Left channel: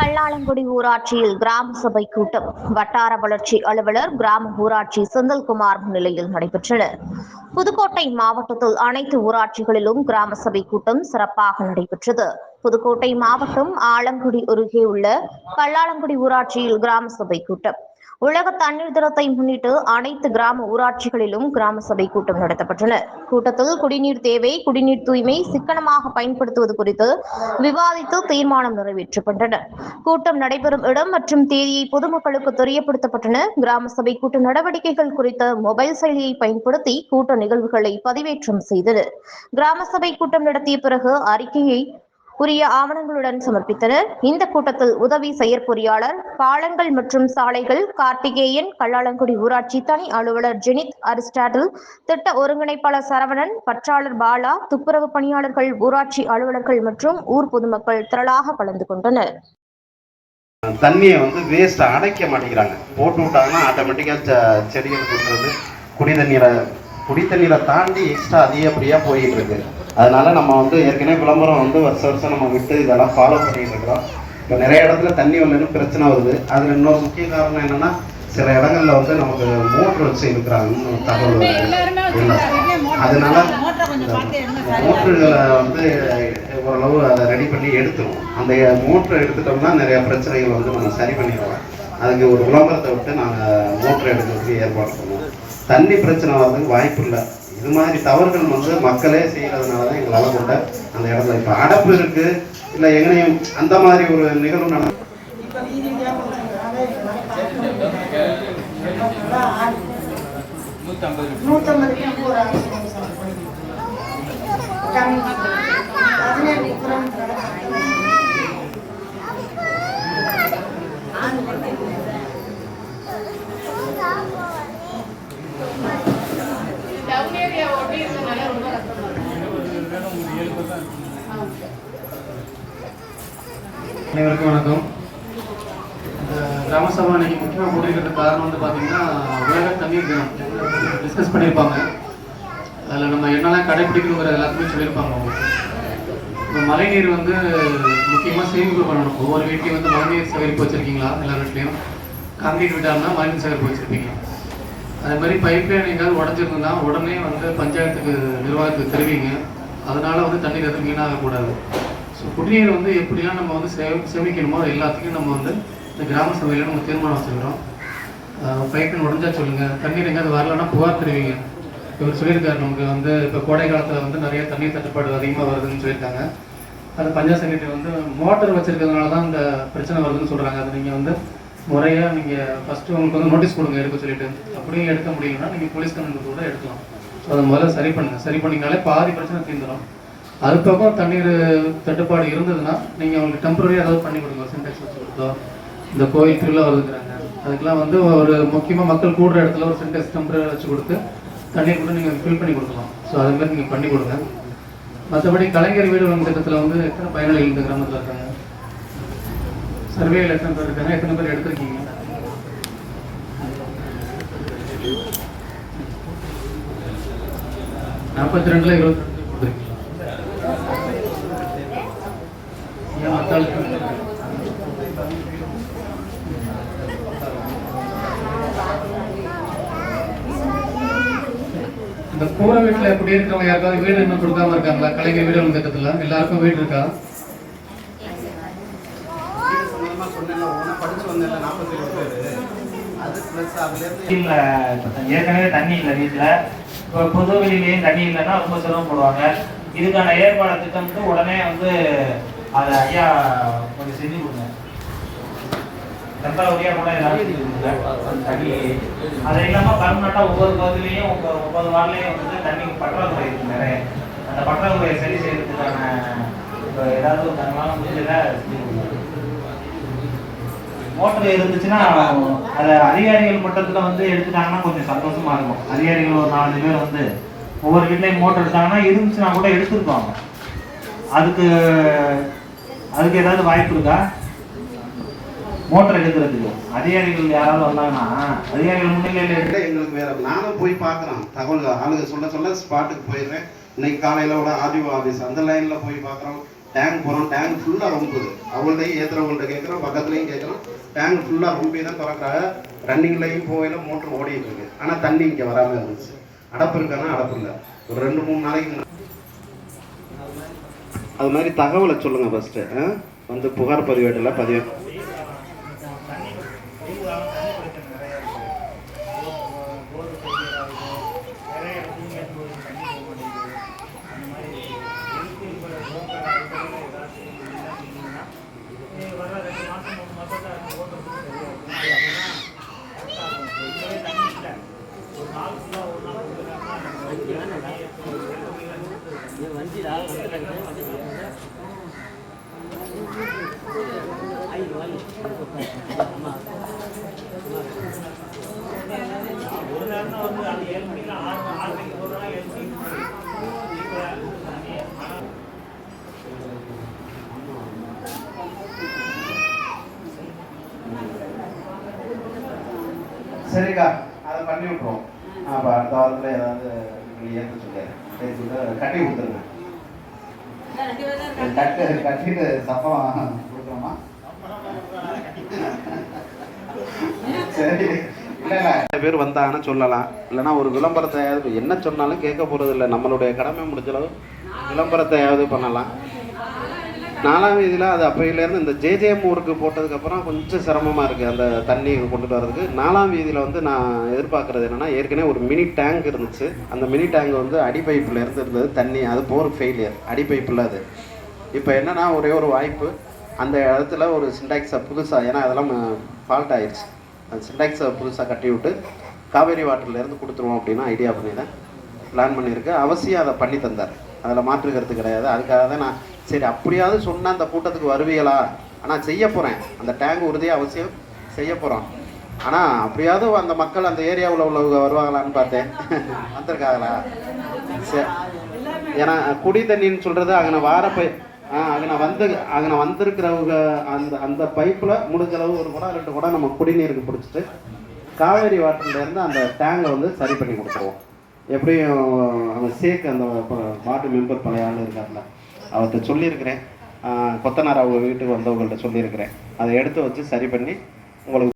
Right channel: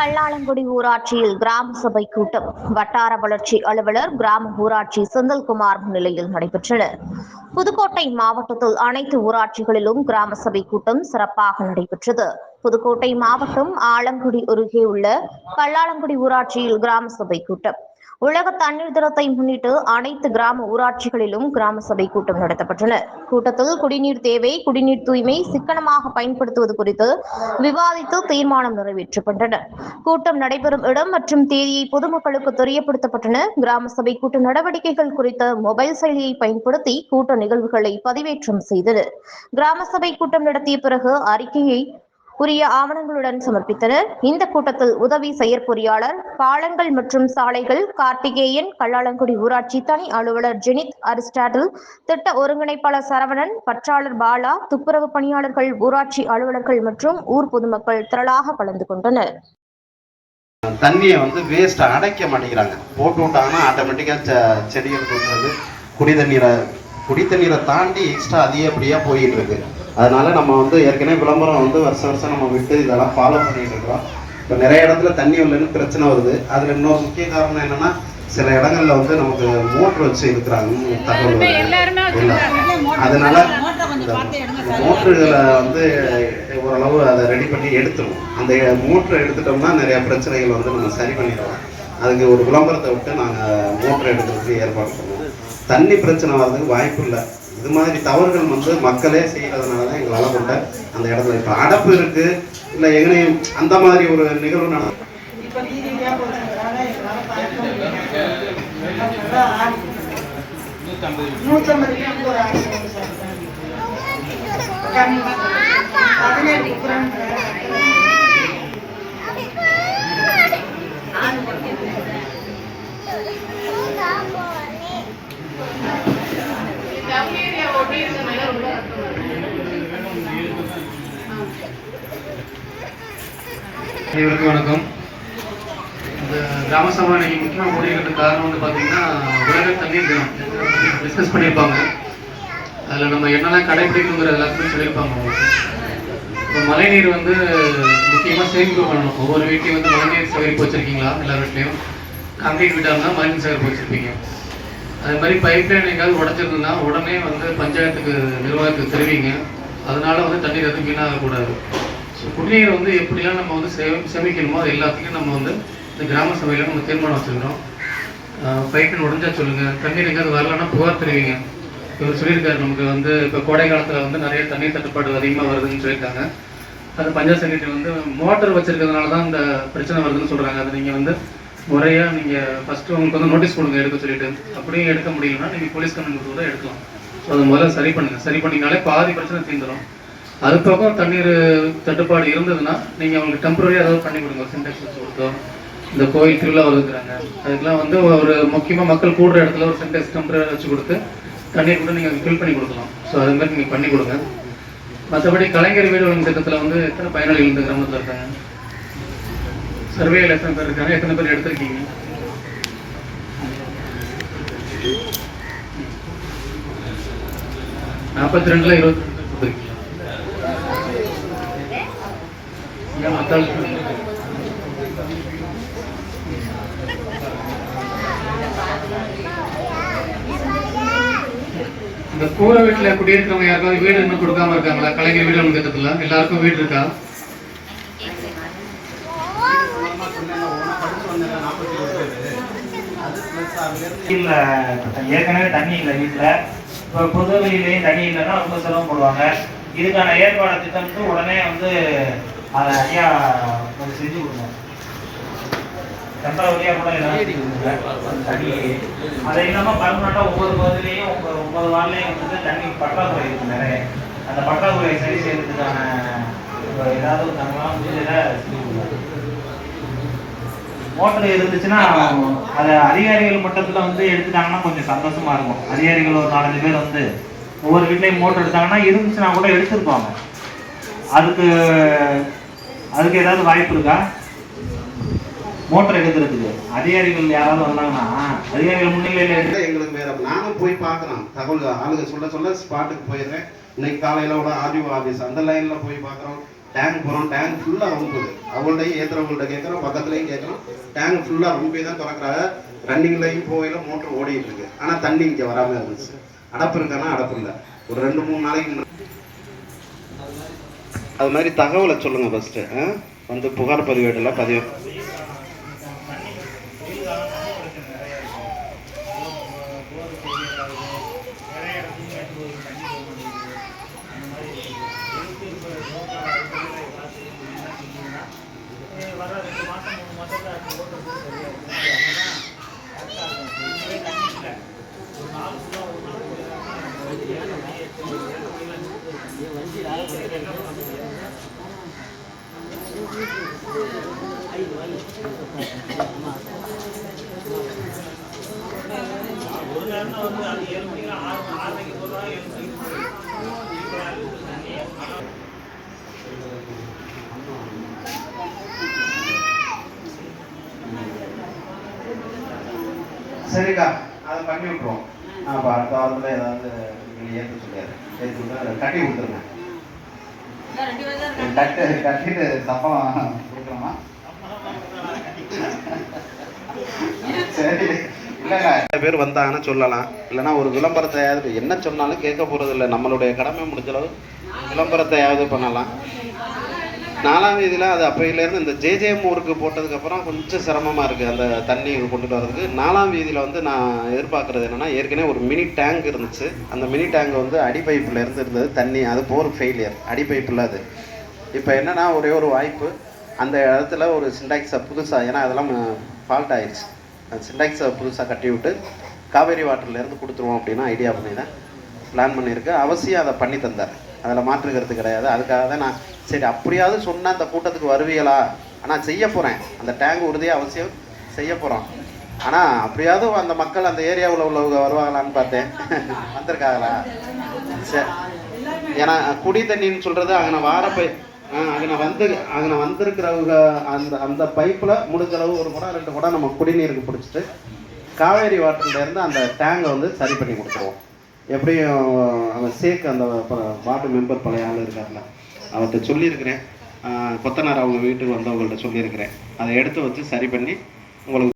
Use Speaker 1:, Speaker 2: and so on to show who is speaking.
Speaker 1: கல்லாளங்குடி ஊராட்சியில் கிராம சபை கூட்டம். வட்டார வளர்ச்சி அலுவலர் கிராம ஊராட்சி செந்தில்குமார் முன்னிலையில் நடைபெற்றன புதுக்கோட்டை மாவட்டத்தில் அனைத்து ஊராட்சிகளிலும் கிராம சபை கூட்டம் சிறப்பாக நடைபெற்றது. புதுக்கோட்டை மாவட்டம் ஆலங்குடி அருகே உள்ள கல்லாளங்குடி ஊராட்சியில் கிராம சபை கூட்டம். உலக தண்ணீர் தினத்தை முன்னிட்டு அனைத்து கிராம ஊராட்சிகளிலும் கிராம சபை கூட்டம் நடத்தப்பட்டன கூட்டத்தில் குடிநீர் தேவை குடிநீர் தூய்மை சிக்கனமாக பயன்படுத்துவது குறித்து விவாதித்து தீர்மானம் நிறைவேற்றப்பட்டன கூட்டம் நடைபெறும் இடம் மற்றும் தேதியை பொதுமக்களுக்கு தெரியப்படுத்தப்பட்டன. கிராம சபை கூட்ட நடவடிக்கைகள் குறித்த மொபைல் செயலியை பயன்படுத்தி கூட்ட நிகழ்வுகளை பதிவேற்றம் செய்தனர் கிராம சபை கூட்டம் நடத்திய பிறகு அறிக்கையை உரிய ஆவணங்களுடன் சமர்ப்பித்தனர். இந்த கூட்டத்தில் உதவி செயற்பொறியாளர் பாலங்கள் மற்றும் சாலைகள் கார்த்திகேயன் கல்லாளங்குடி ஊராட்சி தனி அலுவலர் ஜெனித் அரிஸ்டாட்டில் திட்ட ஒருங்கிணைப்பாளர் சரவணன் பற்றாளர் பாலா துப்புரவு பணியாளர்கள் ஊராட்சி அலுவலர்கள் மற்றும் ஊர் பொதுமக்கள் திரளாக கலந்து கொண்டனர்.
Speaker 2: தண்ணியை வந்து வேஸ்ட் அடைக்க மாட்டேங்கிறாங்க. போட்டு விட்டாங்கன்னா ஆட்டோமேட்டிக்காக செடிகள் கொடுக்குறது குடி தண்ணீரை குடி தண்ணீரை தாண்டி எக்ஸ்ட்ரா அதிகப்படியாக போயிட்டு இருக்கு. அதனால நம்ம வந்து ஏற்கனவே விளம்பரம் வந்து வருஷம் வருஷம் நம்ம விட்டு இதெல்லாம் ஃபாலோ பண்ணிட்டு இருக்கோம் இப்போ நிறைய இடத்துல தண்ணி வரலன்னு பிரச்சனை வருது. அதில் இன்னொரு முக்கிய காரணம் என்னன்னா சில இடங்கள்ல வந்து நமக்கு மோட்டர் வச்சு இருக்கிறாங்கன்னு தகவல். அதனால மோட்டர்களை வந்து ஓரளவு அதை ரெடி பண்ணி எடுத்துரும். அந்த மோட்டர் எடுத்துட்டோம்னா நிறைய பிரச்சனைகள் வந்து நம்ம சரி பண்ணிடலாம் அதுக்கு ஒரு விளம்பரத்தை விட்டு நாங்கள் மோட்டர் எடுக்கிறதுக்கு ஏற்பாடு பண்ணுவோம். தண்ணி பிரச்சனை வர்றதுக்கு வாய்ப்பு இல்லை. இது மாதிரி தவறுகள் வந்து மக்களே செய்கிறதுனால தான் எங்களால் கொண்ட அந்த இடத்துல இப்போ அடப்பு இருக்கு இல்லை எங்கனையும் அந்த மாதிரி ஒரு நிகழ்வு நட
Speaker 3: ஆண்டு
Speaker 4: அனைவருக்கும் வணக்கம். இந்த கிராம சபை இன்னைக்கு முக்கியமாக முடிவுக்கு காரணம் வந்து பார்த்தீங்கன்னா உலக தண்ணீர் தினம். டிஸ்கஸ் பண்ணியிருப்பாங்க. அதில் நம்ம என்னெல்லாம் கடைபிடிக்கணுங்கிற எல்லாத்தையும் சொல்லியிருப்பாங்க. இப்போ மழைநீர் வந்து முக்கியமாக சேமிப்பு பண்ணணும். ஒவ்வொரு வீட்லையும் வந்து மழைநீர் சேகரிப்பு வச்சுருக்கீங்களா? எல்லா வீட்லையும்? காங்கிரீட் வீட்டாக இருந்தால் மழைநீர் சேகரிப்பு வச்சுருப்பீங்க. அது மாதிரி பைப் லைன் எங்கேயாவது உடஞ்சிருந்தா உடனே வந்து பஞ்சாயத்துக்கு நிர்வாகத்துக்கு தெரிவிங்க. அதனால வந்து தண்ணீர் எதுவும் வீணாகக்கூடாது. குடிநீர் வந்து எப்படிலாம் நம்ம வந்து சே சேமிக்கணுமோ அது எல்லாத்தையும் நம்ம வந்து இந்த கிராம சபையில் நம்ம தீர்மானம் வச்சுருக்கிறோம். பைப் உடஞ்சா சொல்லுங்கள் தண்ணீர் எங்கேயாவது வரலன்னா புகார் தெரிவிங்க. இவர் சொல்லியிருக்காரு நமக்கு வந்து இப்போ கோடை காலத்தில் வந்து நிறைய தண்ணீர் தட்டுப்பாடு அதிகமாக வருதுன்னு சொல்லியிருக்காங்க. அது பஞ்சாயத்து செக்ரட்டரி வந்து மோட்டர் வச்சுருக்கிறதுனால தான் இந்த பிரச்சனை வருதுன்னு சொல்கிறாங்க அது நீங்கள் வந்து முறையாக நீங்கள் ஃபஸ்ட்டு உங்களுக்கு வந்து நோட்டீஸ் கொடுங்க எடுக்க சொல்லிட்டு. அப்படியும் எடுக்க முடியலன்னா நீங்கள் போலீஸ் கம்ப்ளைண்ட் கூட எடுக்கலாம். ஸோ அதை முதல்ல சரி பண்ணுங்கள் சரி பண்ணிங்கனாலே பாதி பிரச்சனை தீர்ந்துடும் அது போக தண்ணீர் தட்டுப்பாடு இருந்ததுன்னா நீங்கள் அவங்களுக்கு டெம்பரரி ஏதாவது பண்ணி கொடுங்க. சின்டெக்ஸ் வச்சு கொடுத்தோம் இந்த கோயில் திருவிழா வருதுங்கிறாங்க. அதுக்கெல்லாம் வந்து ஒரு முக்கியமாக மக்கள் கூடுற இடத்துல ஒரு சின்டெக்ஸ் டெம்பரரி வச்சு கொடுத்து தண்ணீர் கூட நீங்கள் ஃபில் பண்ணி கொடுக்கலாம். ஸோ அது மாதிரி நீங்கள் பண்ணி கொடுங்க. மற்றபடி கலைஞர் வீடு வழங்கும் திட்டத்தில் வந்து எத்தனை பயனாளிகள் இந்த கிராமத்தில் இருக்காங்க? சர்வேயில் எத்தனை பேர் இருக்காங்க? எத்தனை பேர் எடுத்திருக்கீங்க? நாற்பத்தி ரெண்டுல இருபத்தி ரெண்டு இந்த கூரை வீட்டில் எப்படி இருக்கிறவங்க யாருக்காவது வீடு இன்னும் கொடுக்காம இருக்காங்களா? கலைஞர் வீடு வழங்கும் திட்டத்தில் எல்லாருக்கும் வீடு இருக்கா?
Speaker 5: இல்ல ஏற்கனவே தண்ணி இல்லை வீட்டுல இப்போ புது வெளியிலையும் தண்ணி இல்லைன்னா ரொம்ப சிரமப்படுவாங்க. இதுக்கான ஏற்பாடு திட்டம்ட்டு உடனே வந்து அதை ஐயா கொஞ்சம் செஞ்சு கொடுங்க. டெம்பரவரியா கூட ஏதாவது. தண்ணி. அது இல்லாம பர்மனண்டா ஒவ்வொரு பகுதியிலையும் ஒவ்வொரு ஒவ்வொரு வாரலையும் வந்து தண்ணி பற்றாக்குறை இருக்கு நிறைய அந்த பற்றாக்குறையை சரி செய்யறதுக்கான ஏதாவது தரலாம் முடிஞ்சதை செஞ்சு கொடுங்க. மோட்டர் இருந்துச்சுன்னா அதை அதிகாரிகள் மட்டத்தில் வந்து எடுத்துட்டாங்கன்னா கொஞ்சம் சந்தோஷமா இருக்கும். அதிகாரிகள் ஒரு நாலஞ்சு பேர் வந்து ஒவ்வொரு வீட்லயும் மோட்டர் எடுத்தாங்கன்னா இருந்துச்சுன்னா கூட எடுத்துருப்பாங்க. அதுக்கு அதுக்கு ஏதாவது வாய்ப்பு இருக்கா? மோட்டர் எடுக்கிறதுக்கு. அதிகாரிகள் யாராவது வந்தாங்கன்னா அதிகாரிகள் முன்னிலையில்
Speaker 2: எடுக்க எங்களுக்கு வேற நானும் போய் பார்க்குறோம் தகவல் ஆளுங்க சொல்ல சொல்ல ஸ்பாட்டுக்கு போயிடுறேன். இன்னைக்கு காலையில் கூட ஆர்டிஓ ஆஃபீஸ் அந்த லைனில் போய் பார்க்குறோம். டேங்க் போகிறோம் டேங்க் ஃபுல்லாக ரொம்புது. அவங்கள்ட்டையும் ஏற்றுறவங்கள்ட்ட கேட்குறோம். பக்கத்துலையும் கேட்குறோம். டேங்க் ஃபுல்லாக ரொம்பி தான் திறக்கிறாங்க. ரன்னிங்லையும் போகையில் மோட்டர் ஓடிட்டு இருக்கு. ஆனால் தண்ணி இங்கே வராமல் இருந்துச்சு. அடப்பு இருக்கானா? அடப்பு இல்லை. ஒரு ரெண்டு மூணு நாளைக்கு அது மாதிரி தகவலை சொல்லுங்கள் ஃபஸ்ட்டு வந்து புகார் பதிவேடில் பதிவு.
Speaker 5: ஒரு
Speaker 2: சரிக்கா அதை பண்ணி விட்ருவோம் அப்போ அடுத்த வாரத்தில் ஏதாவது நீங்கள் ஏற்க விட்டு கட்டி கொடுத்துருங்க. கட்டு கட்டிட்டு சப்பம் கொடுக்கணுமா சரி இல்லைங்க நிறைய பேர் வந்தாங்கன்னா சொல்லலாம். இல்லைன்னா ஒரு விளம்பரத்தையாவது என்ன சொன்னாலும் கேட்க போகிறது இல்லை. நம்மளுடைய கடமை முடிஞ்சளவு விளம்பரத்தையாவது பண்ணலாம். நாலாம் இதில் அது அப்பையிலேருந்து இந்த ஜேஜேஎம் ஊருக்கு போட்டதுக்கப்புறம் கொஞ்சம் சிரமமாக இருக்குது அந்த தண்ணி கொண்டுட்டு வரதுக்கு. நாலாம் வீதியில் வந்து நான் எதிர்பார்க்குறது என்னென்னா ஏற்கனவே ஒரு மினி டேங்க் இருந்துச்சு. அந்த மினி டேங்க் வந்து அடி பைப்பில் இருந்து இருந்தது தண்ணி அது போர் ஃபெயிலியர். அடி பைப்பில் அது. இப்போ என்னென்னா ஒரே ஒரு வாய்ப்பு. அந்த இடத்துல ஒரு சிண்டாக்ஸை புதுசாக ஏன்னா அதெல்லாம் ஃபால்ட் ஆயிடுச்சு அந்த சிண்டாக்ஸை புதுசாக கட்டி விட்டு காவேரி வாட்டர்லேருந்து கொடுத்துருவோம் அப்படின்னு ஐடியா பண்ணிட்டேன் பிளான் பண்ணியிருக்கேன் அவசியம் அதை பண்ணி தந்தார். அதில் மாற்றுக்கிறது கிடையாது. அதுக்காக தான் நான் சரி அப்படியாவது சொன்னால் அந்த கூட்டத்துக்கு வருவீங்களா? ஆனால் செய்ய போகிறேன் அந்த டேங்க் உறுதியாக அவசியம் செய்ய போகிறோம் ஆனால் அப்படியாவது அந்த மக்கள் அந்த ஏரியாவில் உள்ளவங்க வருவாங்களான்னு பார்த்தேன். வந்திருக்காங்களா? சரி. ஏன்னா குடி தண்ணின்னு சொல்கிறது அங்கே வார போய் அங்கே வந்து அங்கே வந்திருக்கிறவங்க அந்த அந்த பைப்பில் முடிஞ்ச அளவு ஒரு குடம் ரெண்டு குடம் நம்ம குடிநீருக்கு பிடிச்சிட்டு காவேரி வாட்டர்லேருந்து அந்த டேங்கை வந்து சரி பண்ணி கொடுத்துருவோம். எப்படியும் அந்த சேக் அந்த வார்டு மெம்பர் பழைய ஆள் இருக்கார்ல அவர்கிட்ட சொல்லியிருக்கிறேன். கொத்தனார் அவங்க வீட்டுக்கு வந்தவங்கள்ட்ட சொல்லியிருக்கிறேன். அதை எடுத்து வச்சு சரி பண்ணி உங்களுக்கு